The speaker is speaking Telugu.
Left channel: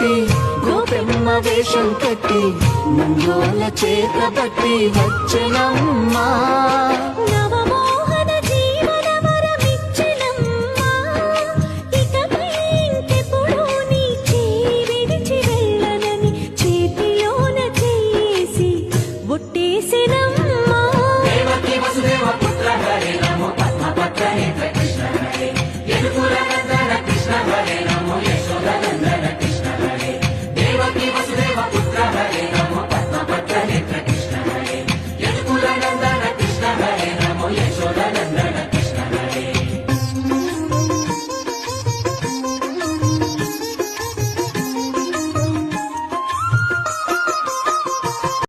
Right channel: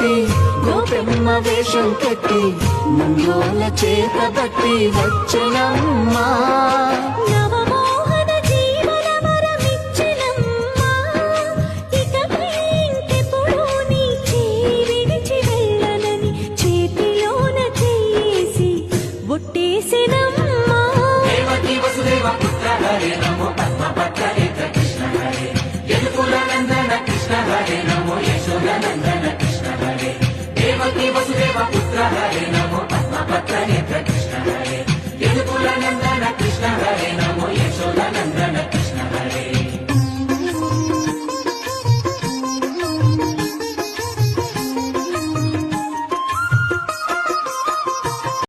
పెట్టి గోపెమ్మ వేషం కట్టి నందోల చేత బట్టి వచ్చనమ్మా నవమోహన జీవన వరమిచ్చనమ్మా ఇకపై ఇంకెప్పుడు నీ చేయి విడిచి వెళ్ళనని చేతిలోన చేసి ఒట్టేసినమ్మా దేవకి వసుదేవ పుత్ర హరే నమో పద్మపత్ర నేత్ర కృష్ణ హరే యదుకుల నందన కృష్ణ హరే నమో యశోద నందన కృష్ణ హరే దేవకి వసుదేవ పుత్ర హరే నమో పద్మపత్ర నేత్ర